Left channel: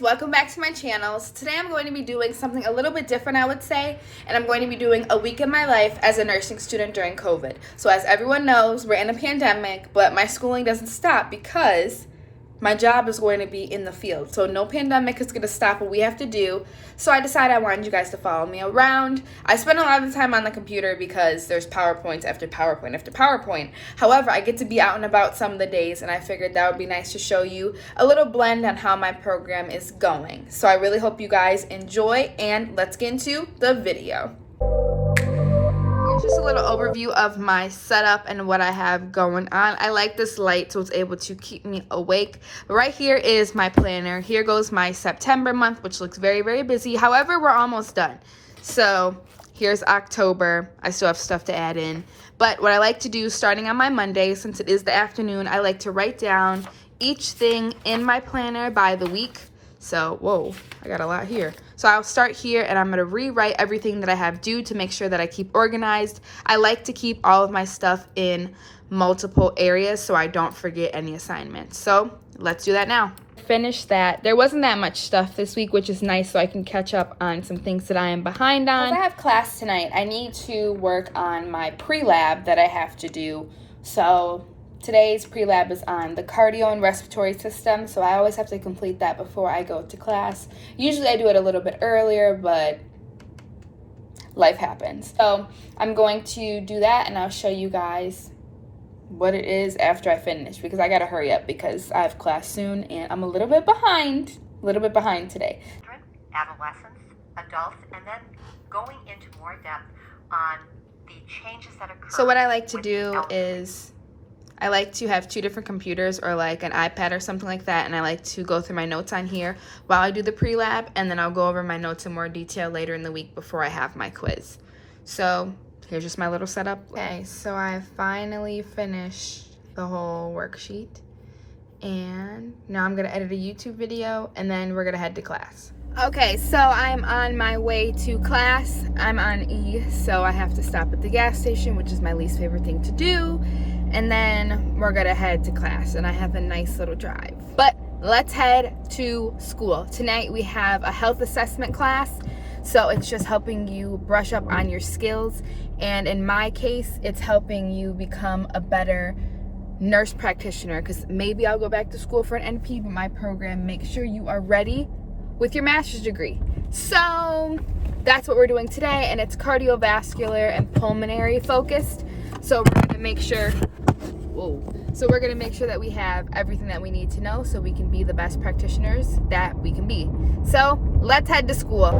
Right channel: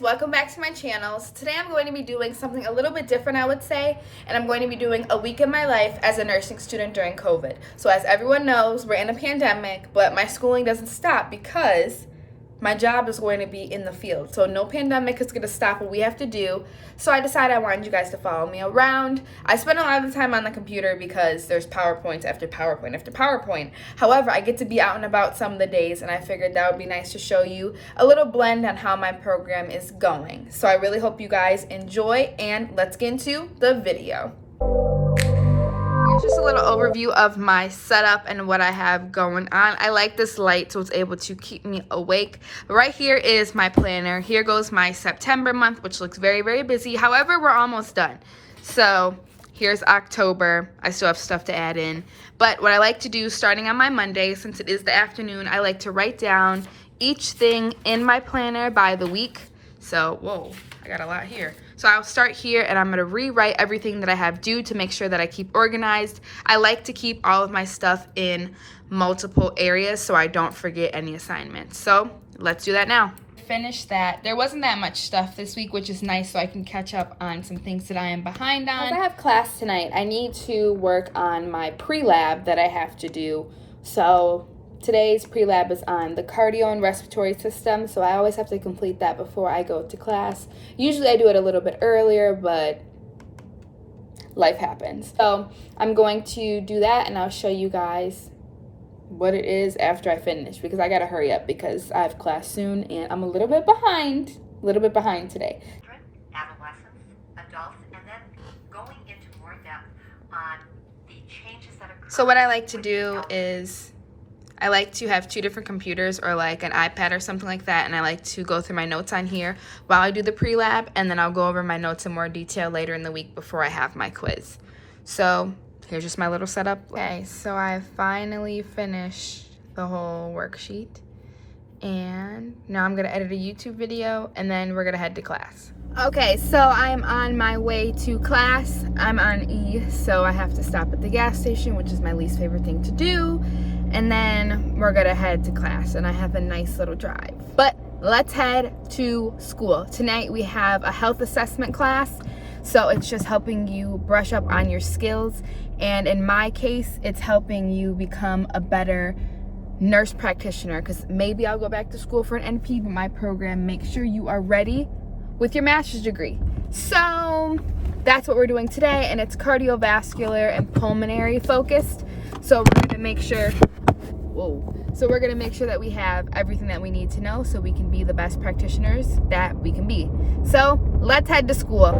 Welcome back to my channel. So today I'm going to be doing something a little bit different, I would say, and I'm going to be doing a week in my life as a nursing student during COVID. So as everyone knows, we're in a pandemic, but my schooling doesn't stop because my job is going to be in the field. So no pandemic is going to stop what we have to do. So I decided I wanted you guys to follow me around. I spend a lot of the time on the computer because there's PowerPoint after PowerPoint after PowerPoint. However, I get to be out and about some of the days, and I figured that would be nice to show you a little blend on how my program is going. So I really hope you guys enjoy, and let's get into the video. Here's just a little overview of my setup and what I have going on. I like this light so it's able to keep me awake. But right here is my planner. Here goes my September month, which looks very, very busy. However, we're almost done. So here's October. I still have stuff to add in. But what I like to do starting on my Monday, since it is the afternoon, I like to write down each thing in my planner by the week. So, whoa, I got a lot here. So I'll start here and I'm gonna rewrite everything that I have due to make sure that I keep organized. I like to keep all of my stuff in multiple areas so I don't forget any assignments. So let's do that now. Finish that. There wasn't that much stuff this week, which is nice, so I can catch up on some things that I am behind on. Because I have class tonight, I need to work on my pre-lab that I have to do. So today's pre-lab is on the cardio and respiratory system, so I always have to complete that before I go to class. Usually I do it a little bit earlier, but life happens. So I'm going to do that, and I'll show you guys what it is after I finish, because I gotta hurry up because I have class soon, and I'm a little bit behind today. Adolescents, adults, and then going into more depth on the changes that occur. So what I like to do is I like to have two different computers or like an iPad or something like that, and I like to go through my notes on here while I do the pre-lab, and then I'll go over my notes in more detail later in the week before I have my quiz. So here's just my little setup. Okay, so I finally finished the whole worksheet, and now I'm gonna edit a YouTube video, and then we're gonna head to class. Okay, so I'm on my way to class. I'm on E, so I have to stop at the gas station, which is my least favorite thing to do. And then we're gonna head to class, and I have a nice little drive. But let's head to school. Tonight we have a health assessment class, so it's just helping you brush up on your skills. And in my case, it's helping you become a better nurse practitioner, because maybe I'll go back to school for an NP, but my program makes sure you are ready with your master's degree. So that's what we're doing today, and it's cardiovascular and pulmonary focused. So we're gonna make sure that we have everything that we need to know so we can be the best practitioners that we can be. So let's head to school.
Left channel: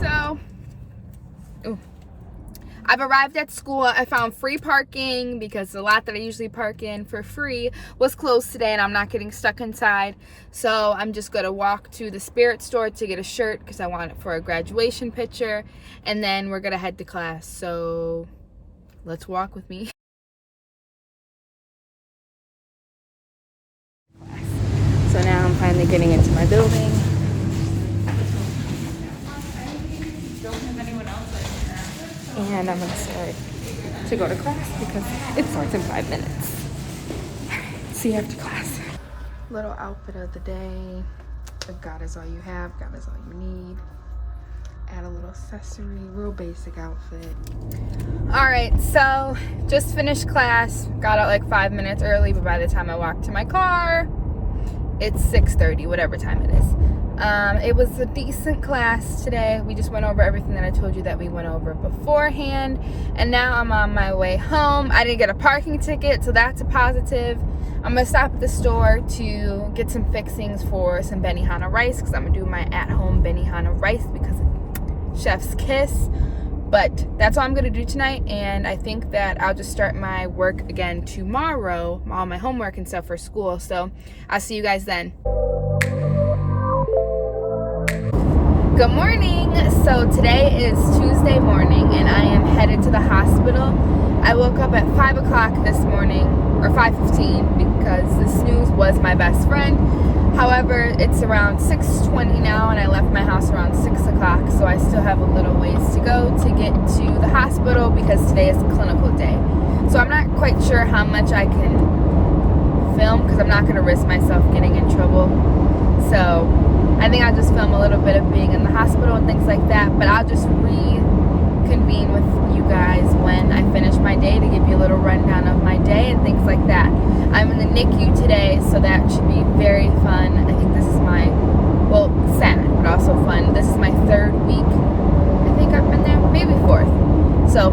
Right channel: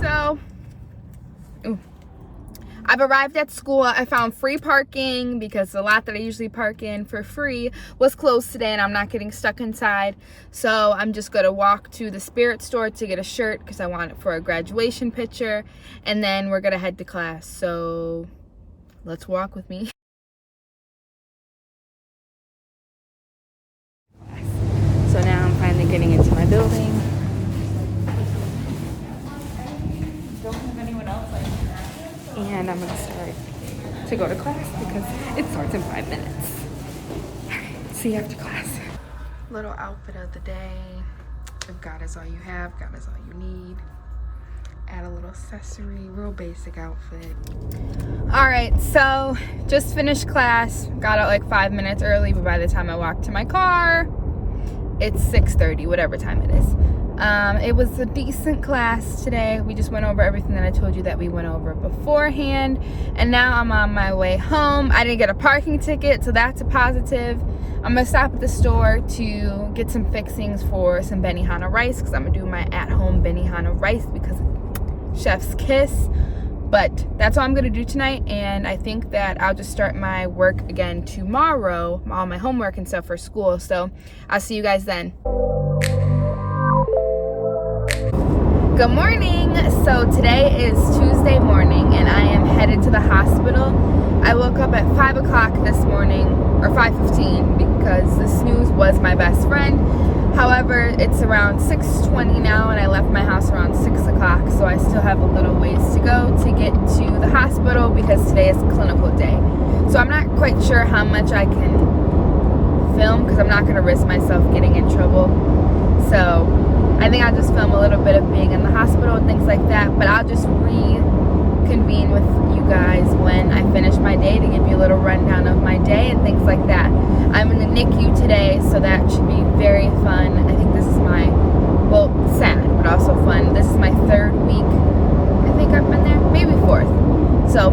So I've arrived at school. I found free parking because the lot that I usually park in for free was closed today, and I'm not getting stuck inside. So I'm just gonna walk to the Spirit store to get a shirt because I want it for a graduation picture, and then we're gonna head to class. So let's walk with me. So now I'm finally getting into my building. And I'm gonna start to go to class because it starts in 5 minutes. All right, see you after class. Little outfit of the day. If God is all you have, God is all you need. Add a little accessory, real basic outfit. All right, so just finished class. Got out like 5 minutes early, but by the time I walked to my car, it's 6:30, whatever time it is. It was a decent class today. We just went over everything that I told you that we went over beforehand, and now I'm on my way home. I didn't get a parking ticket, so that's a positive. I'm gonna stop at the store to get some fixings for some Benihana rice, because I'm gonna do my at-home Benihana rice because chef's kiss. But that's all I'm gonna do tonight, and I think that I'll just start my work again tomorrow, all my homework and stuff for school. So I'll see you guys then. Good morning. So today is Tuesday morning, and I am headed to the hospital. I woke up at 5 o'clock this morning, or 5:15, because the snooze was my best friend. However, it's around 6:20 now, and I left my house around 6 o'clock, so I still have a little ways to go to get to the hospital because today is clinical day. So I'm not quite sure how much I can film because I'm not going to risk myself getting in trouble. So I think I'll just film a little bit of being in the hospital and things like that, but I'll just reconvene with you guys when I finish my day to give you a little rundown of my day and things like that. I'm in the NICU today, so that should be very fun. I think this is my, well, sad, but also fun. This is my 3rd week. I think I've been there, maybe 4th. So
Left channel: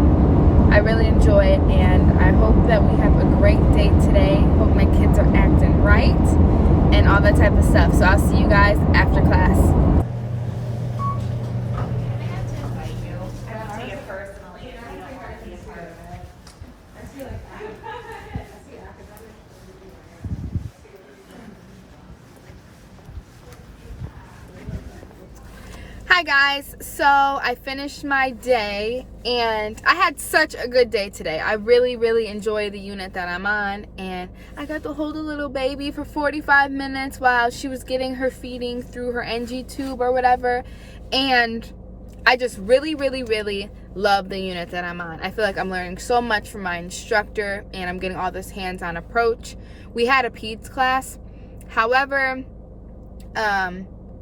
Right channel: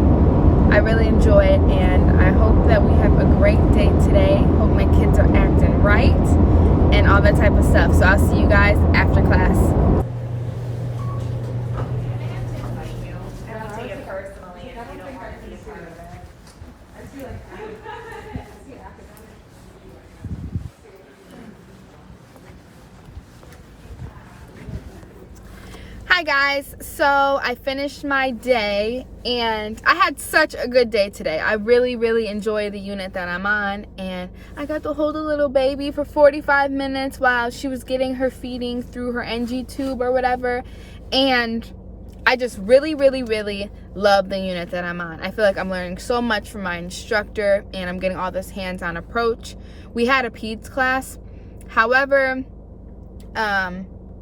I really enjoy it, and I hope that we have a great day today. Hope my kids are acting right and all that type of stuff. So I'll see you guys after class. Hi guys, so I finished my day and I had such a good day today. I really enjoy the unit that I'm on, and I got to hold a little baby for 45 minutes while she was getting her feeding through her NG tube or whatever, and I just really love the unit that I'm on. I feel like I'm learning so much from my instructor, and I'm getting all this hands-on approach. We had a peds class, however,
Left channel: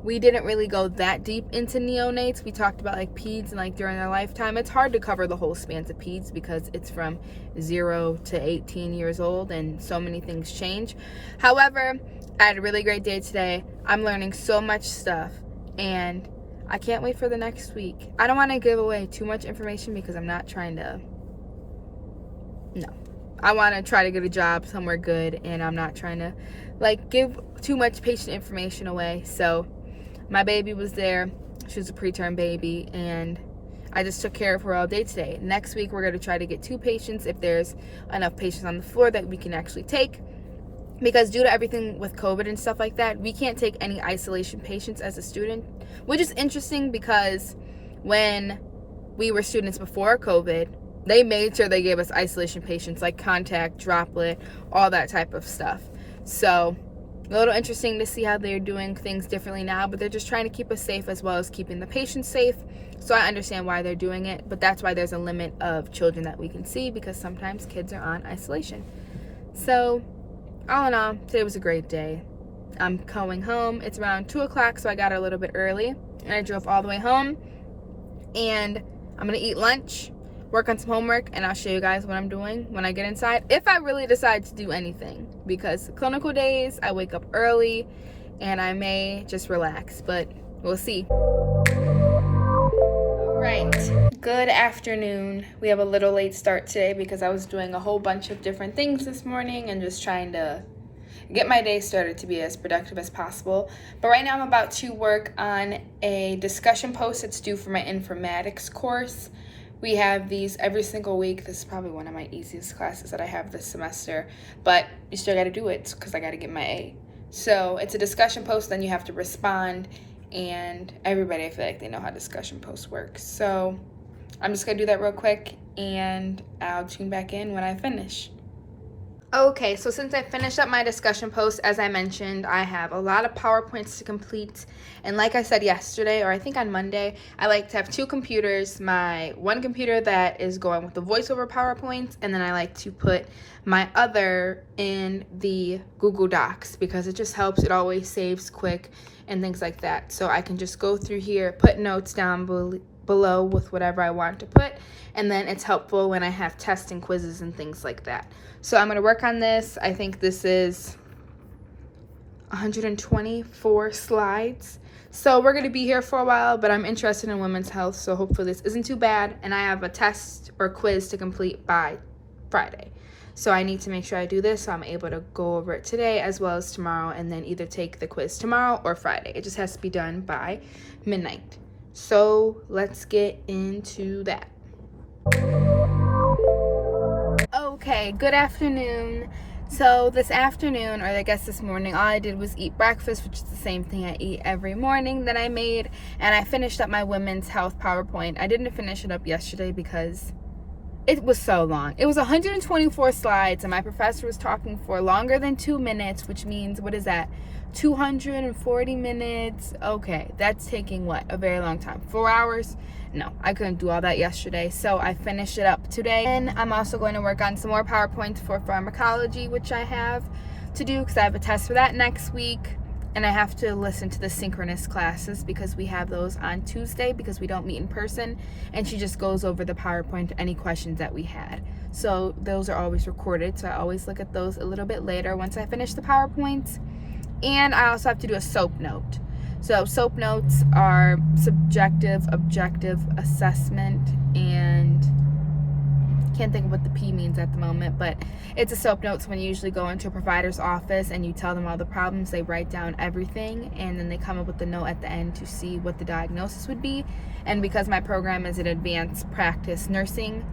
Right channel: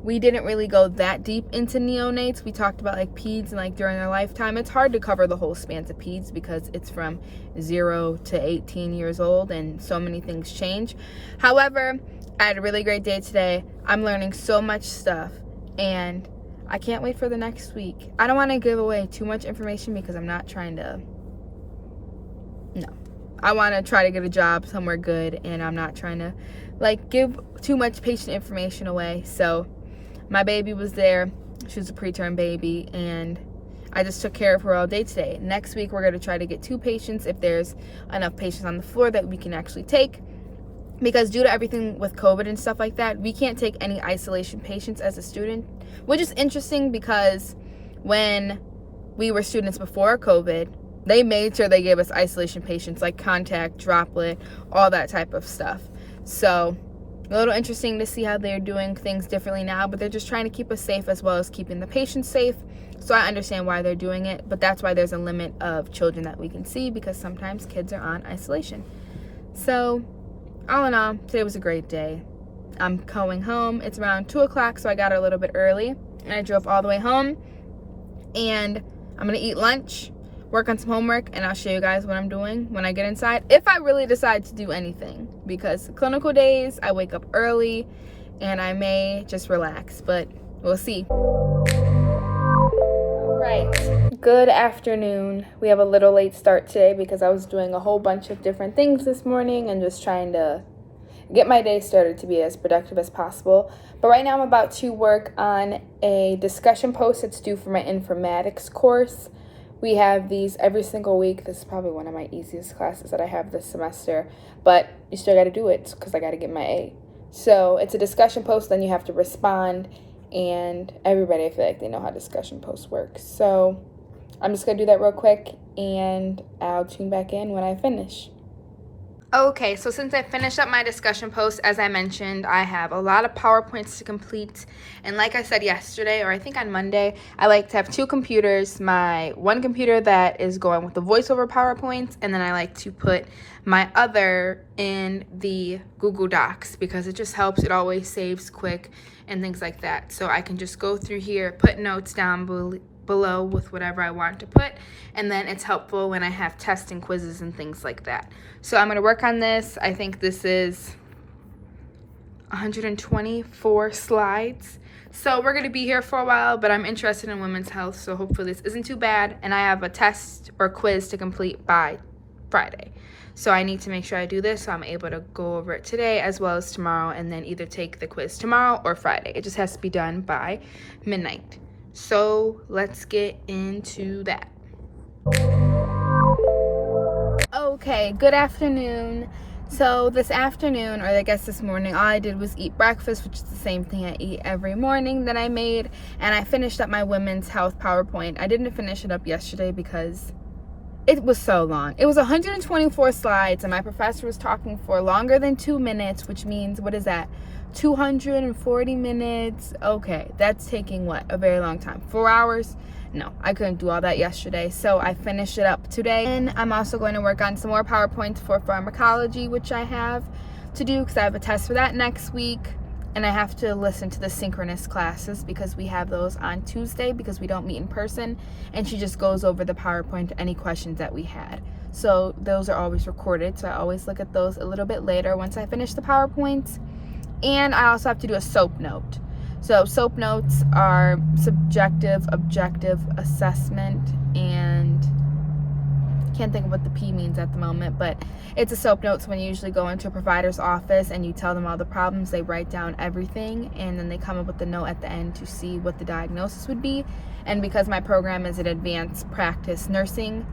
we didn't really go that deep into neonates. We talked about like peds and like during their lifetime. It's hard to cover the whole spans of peds because it's from 0 to 18 years old and so many things change. However, I had a really great day today. I'm learning so much stuff and I can't wait for the next week. I don't want to give away too much information because I'm not trying to, no. I want to try to get a job somewhere good, and I'm not trying to like give too much patient information away. So my baby was there. She was a preterm baby, and I just took care of her all day today. Next week, we're going to try to get 2 patients if there's enough patients on the floor that we can actually take. Because due to everything with COVID and stuff like that, we can't take any isolation patients as a student, which is interesting because when we were students before COVID, they made sure they gave us isolation patients like contact, droplet, all that type of stuff. So a little interesting to see how they're doing things differently now, but they're just trying to keep us safe as well as keeping the patients safe. So I understand why they're doing it, but that's why there's a limit of children that we can see because sometimes kids are on isolation. So all in all, today was a great day. I'm going home. It's around 2 o'clock, so I got a little bit early, and I drove all the way home, and I'm going to eat lunch, work on some homework, and I'll show you guys what I'm doing when I get inside, if I really decide to do anything, because clinical days, I wake up early, and I may just relax, but we'll see. All right, good afternoon. We have a little late start today because I was doing a whole bunch of different things this morning and just trying to get my day started to be as productive as possible. But right now I'm about to work on a discussion post that's due for my informatics course. We have these every single week. This is probably one of my easiest classes that I have this semester, but you still got to do it because I got to get my A. So it's a discussion post, then you have to respond, and everybody, I feel like they know how discussion posts work. So I'm just going to do that real quick, and I'll tune back in when I finish. Okay, so since I finished up my discussion post, as I mentioned, I have a lot of PowerPoints to complete. And like I said yesterday, or I think on Monday, I like to have 2 computers. My one computer that is going with the voiceover PowerPoints, and then I like to put my other in the Google Docs because it just helps. It always saves quick and things like that. So I can just go through here, put notes down below with whatever I want to put, and then it's helpful when I have tests and quizzes and things like that. So I'm going to work on this. I think this is 124 slides. So we're going to be here for a while, but I'm interested in women's health, so hopefully this isn't too bad. And I have a test or quiz to complete by Friday. So I need to make sure I do this so I'm able to go over it today as well as tomorrow, and then either take the quiz tomorrow or Friday. It just has to be done by midnight. So let's get into that. Okay, good afternoon. So this afternoon, or I guess this morning, all I did was eat breakfast, which is the same thing I eat every morning that I made, and I finished up my women's health PowerPoint. I didn't finish it up yesterday because It was so long. It was 124 slides, and my professor was talking for longer than 2 minutes, which means, what is that? 240 minutes. Okay, that's taking what? A very long time. 4 hours? No, I couldn't do all that yesterday, so I finished it up today. And I'm also going to work on some more PowerPoints for pharmacology, which I have to do because I have a test for that next week. And I have to listen to the synchronous classes because we have those on Tuesday because we don't meet in person. And she just goes over the PowerPoint, any questions that we had. So those are always recorded. So I always look at those a little bit later once I finish the PowerPoints. And I also have to do a SOAP note. So SOAP notes are subjective, objective assessment, and can't think of what the P means at the moment, but it's a SOAP notes when you usually go into a provider's office and you tell them all the problems. They write down everything, and then they come up with the note at the end to see what the diagnosis would be. And because my program is an advanced practice nursing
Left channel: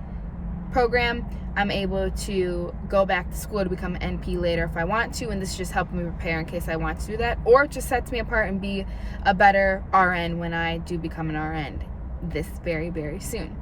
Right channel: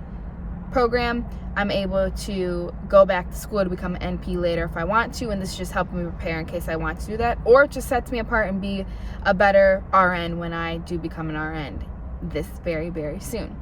program, I'm able to go back to school to become an NP later if I want to, and this is just helping me prepare in case I want to do that, or it just sets me apart and be a better RN when I do become an RN this very, very soon.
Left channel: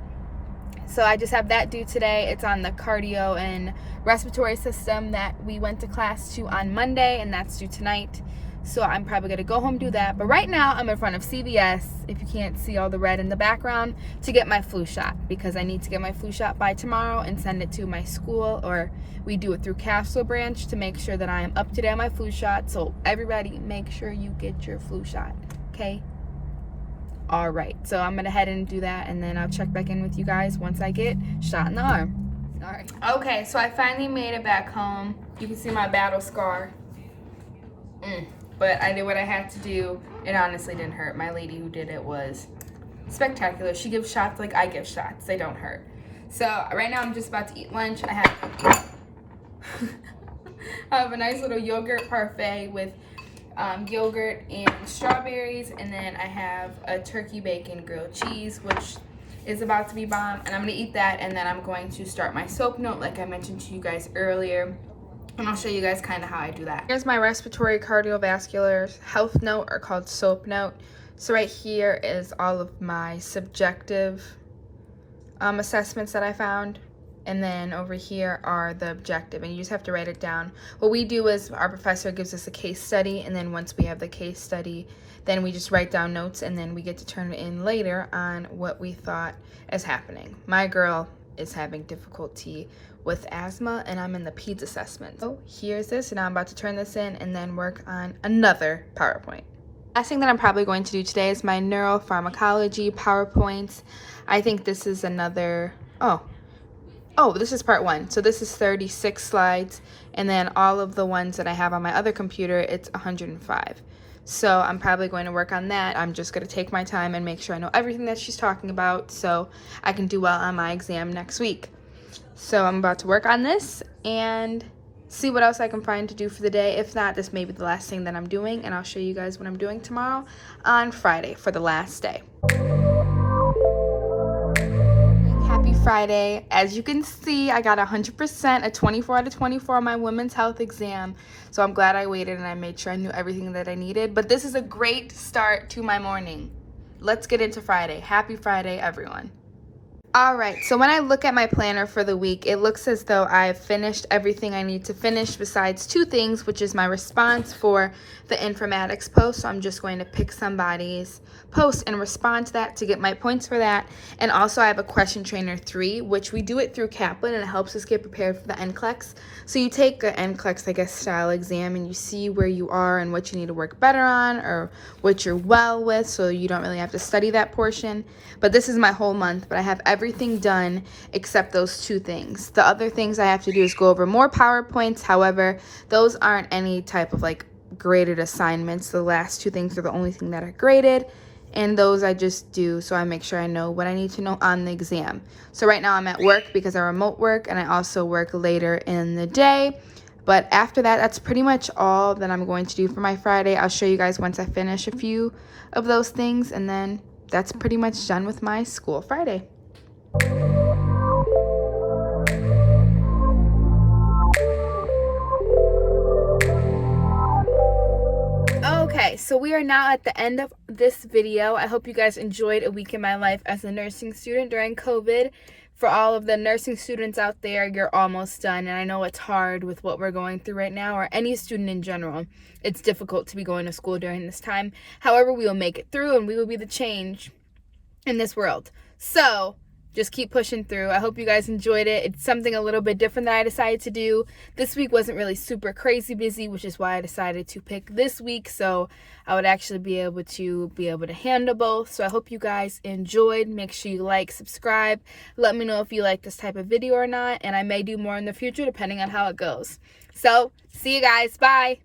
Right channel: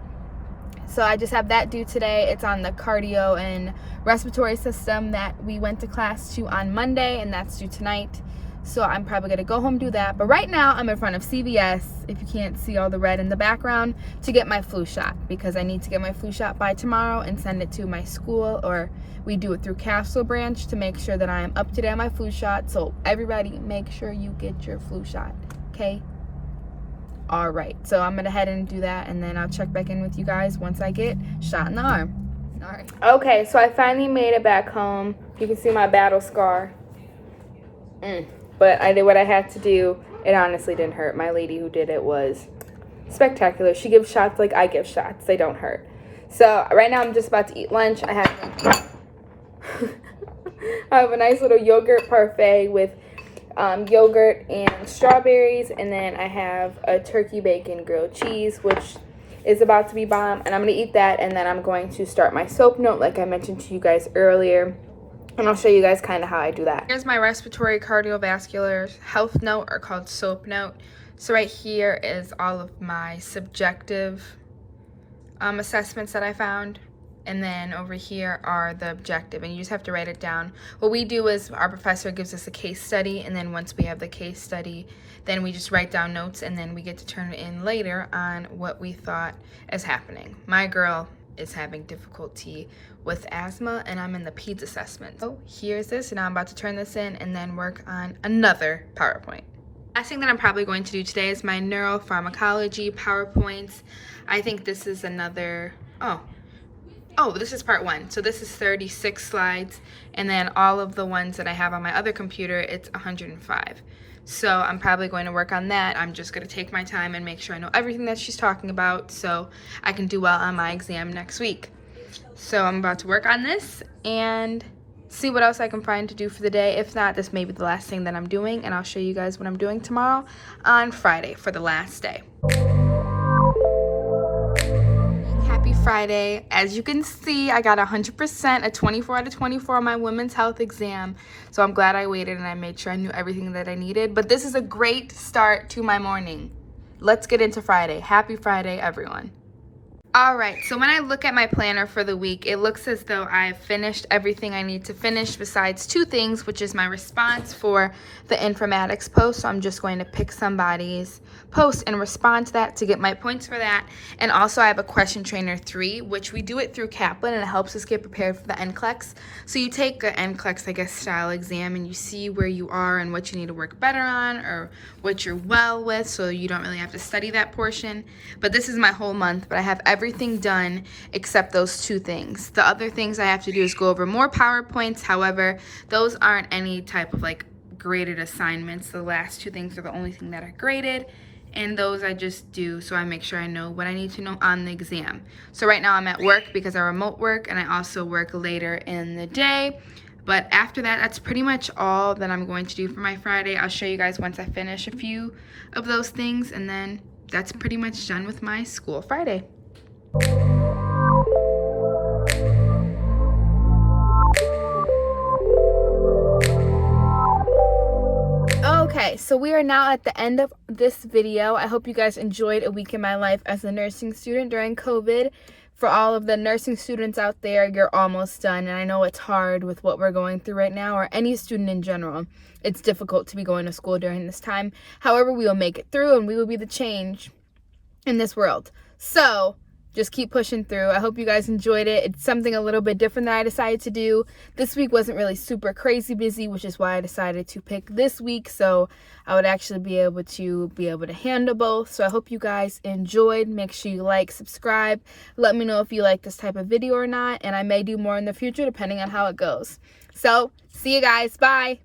So I just have that due today. It's on the cardio and respiratory system that we went to class to on Monday, and that's due tonight. So I'm probably going to go home do that. But right now I'm in front of CVS, if you can't see all the red in the background, to get my flu shot because I need to get my flu shot by tomorrow and send it to my school, or we do it through Castle Branch to make sure that I am up to date on my flu shot. So everybody, make sure you get your flu shot, okay? All right, so I'm gonna head and do that, and then I'll check back in with you guys once I get shot in the arm. All right. Okay, so I finally made it back home. You can see my battle scar. But I did what I had to do. It honestly didn't hurt. My lady who did it was spectacular. She gives shots like I give shots. They don't hurt. So right now I'm just about to eat lunch. I have a nice little yogurt parfait with yogurt and strawberries, and then I have a turkey bacon grilled cheese, which is about to be bomb, and I'm going to eat that, and then I'm going to start my SOAP note like I mentioned to you guys earlier, and I'll show you guys kind of how I do that. Here's my respiratory cardiovascular health note, or called SOAP note. So right here is all of my subjective assessments that I found. And then over here are the objective, and you just have to write it down. What we do is our professor gives us a case study, and then once we have the case study, then we just write down notes, and then we get to turn it in later on what we thought is happening. My girl is having difficulty with asthma, and I'm in the PEDS assessment. So here's this, and I'm about to turn this in and then work on another PowerPoint. Last thing that I'm probably going to do today is my neuropharmacology PowerPoints. I think this is another, this is part 1. So this is 36 slides, and then all of the ones that I have on my other computer, it's 105. So I'm probably going to work on that. I'm just going to take my time and make sure I know everything that she's talking about so I can do well on my exam next week. So I'm about to work on this and see what else I can find to do for the day. If not, this may be the last thing that I'm doing, and I'll show you guys what I'm doing tomorrow on Friday for the last day. Happy Friday. As you can see, I got 100%, a 24 out of 24 on my women's health exam. So I'm glad I waited and I made sure I knew everything that I needed. But this is a great start to my morning. Let's get into Friday. Happy Friday, everyone. All right, so when I look at my planner for the week, it looks as though I've finished everything I need to finish besides 2 things, which is my response for the informatics post. So I'm just going to pick somebody's post and respond to that to get my points for that. And also I have a question trainer 3, which we do it through Kaplan, and it helps us get prepared for the NCLEX. So you take an NCLEX, I guess, style exam, and you see where you are and what you need to work better on or what you're well with, so you don't really have to study that portion. But this is my whole month, but I have everything done except those 2 things. The other things I have to do is go over more PowerPoints. However, those aren't any type of like graded assignments. The last 2 things are the only thing that are graded, and those I just do so I make sure I know what I need to know on the exam. So right now I'm at work because I remote work, and I also work later in the day. But after that, that's pretty much all that I'm going to do for my Friday. I'll show you guys once I finish a few of those things, and then that's pretty much done with my school Friday. Okay, so we are now at the end of this video. I hope you guys enjoyed a week in my life as a nursing student during COVID. For all of the nursing students out there, you're almost done. And I know it's hard with what we're going through right now, or any student in general. It's difficult to be going to school during this time. However, we will make it through and we will be the change in this world. So just keep pushing through. I hope you guys enjoyed it. It's something a little bit different that I decided to do. This week wasn't really super crazy busy, which is why I decided to pick this week, so I would actually be able to handle both. So I hope you guys enjoyed. Make sure you like, subscribe. Let me know if you like this type of video or not, and I may do more in the future depending on how it goes. So see you guys. Bye.